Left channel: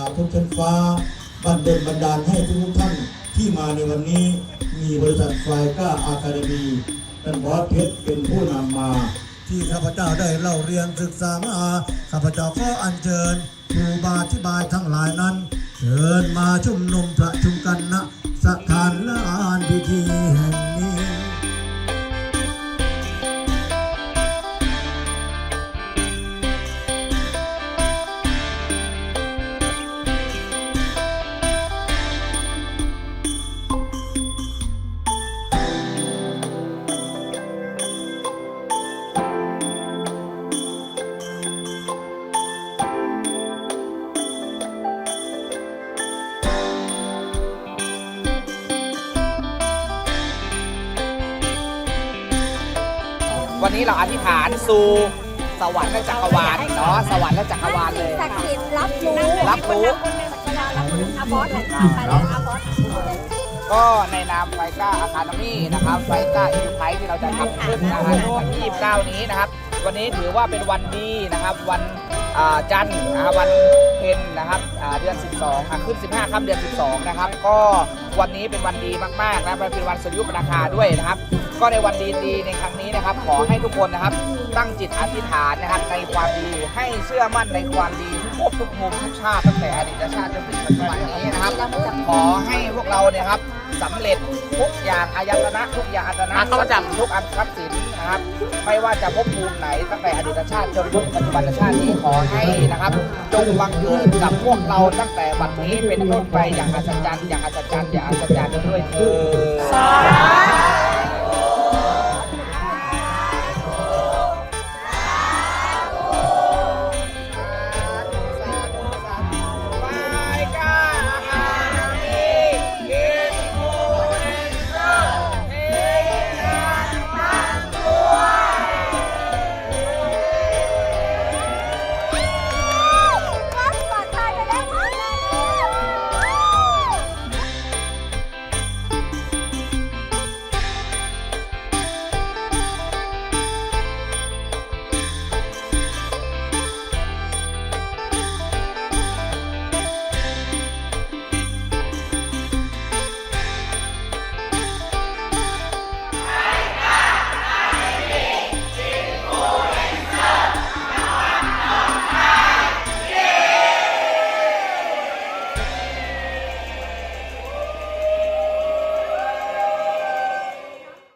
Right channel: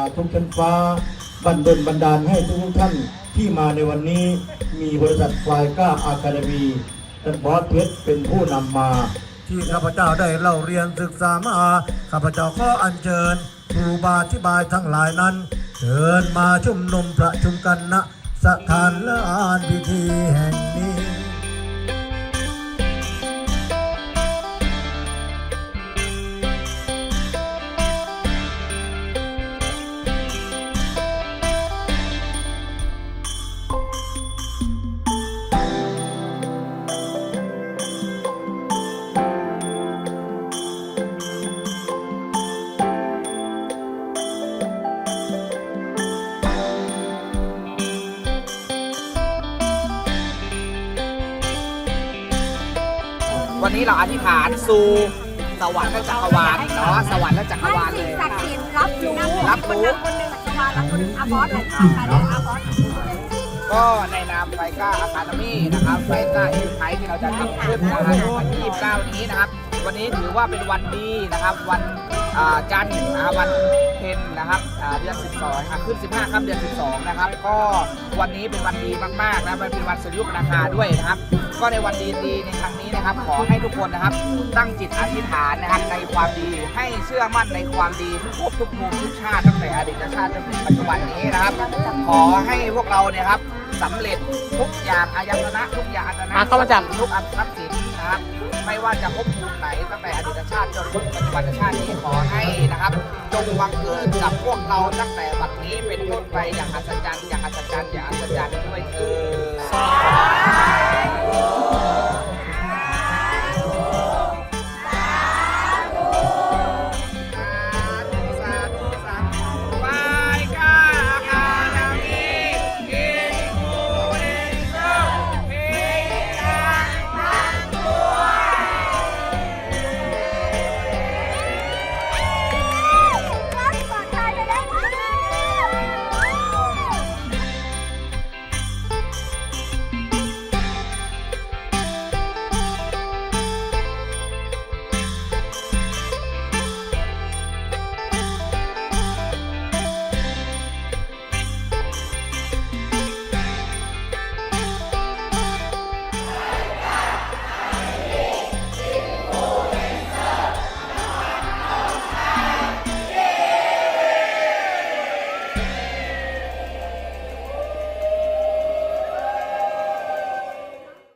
าทุกชั้นฟ้าบันดลบันดาลให้ทุกท่านที่มาในวันนี้มีบริษัทไฟก้าอาคาเดมีท่านบอสเพชรเป็นผู้นำมา ที่ข้าพเจ้าได้เล่าเรียนศึกษามาข้าพเจ้าก็อัญเชิญครูบาอธิบายทั้งหลายนั้นเชิญมาชุมนุมประชุมกันณสถ วันนี้เราอธิษฐานสู่สวรรค์และจักรวาลเนาะสวรรค์และจักรวาลเลย ศักดิ์สิทธิ์รับรู้รับรู้ อาบอสเลยก็ในนามไฟก้าอาคาเดมี่นะครับไฟก้าเอ็นไทที่เราจะทำขึ้นนะครับวันที่29นี้นะครับ วันนี้ถือว่าเป็นวันดีนะครับ วันอ่า จันทร์วันเพ็ญนะครับเดือน 12ครับขึ้น 15ค่ำเดือน 12 นะครับ ก็วันนี้เป็นวันดีมากๆนะมันเป็นวันสุริยุปราคาด้วยนะครับ ก็ในวันดีๆในครั้งนี้นะครับ ขอให้ทุกคนนะครับ ตั้งจิตอธิษฐานนะครับในความดีให้เชื่อมั่นในความดีทุกภพทุกภูมิทุกชาติตั้งแต่อดีตชาติจนถึงปัจจุบันนี้นะครับ ขอให้พวกเราเนี่ยครับ สำเร็จทุกอย่างอายตนะทุกอย่างอายตนะอะเข้ามาจับ ทุกอันทรัพย์สินนะครับไม่ว่าจะภพภูมิไหนตั้งแต่อดีตชาติจนถึงปัจจุบันชาตินี้ขอให้นะครับจงบังเกิดกับพวกเราตั้งแต่บัดนี้เป็นต้นไปอย่างอัศจรรย์อย่างอัศจรรย์อย่างอัศจรรย์ด้วยเถิด